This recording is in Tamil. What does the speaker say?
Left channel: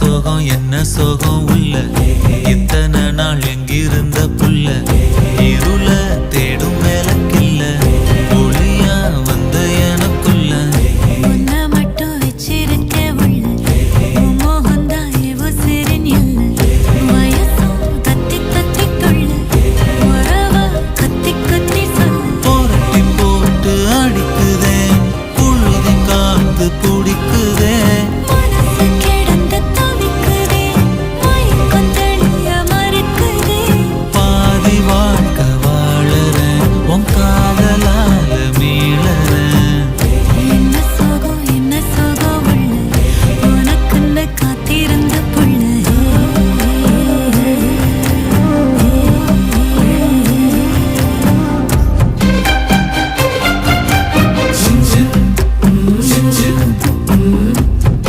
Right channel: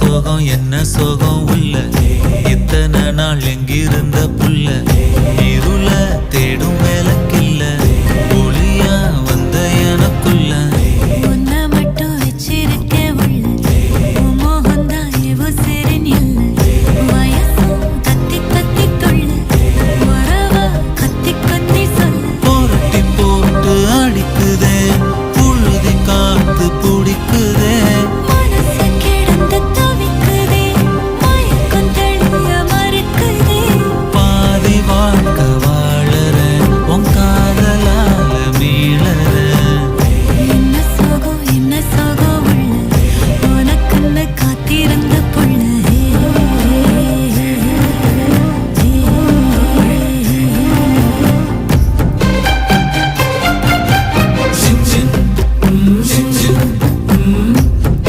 சோகம் என்ன சோகம் உள்ள இத்தனை நாள் எங்கிருந்த புல்ல இருள தேடும் வேலைக்கில்ல ஒளியா வந்த எனக்குள்ள உன்னை மட்டும் வச்சிருக்க உள்ள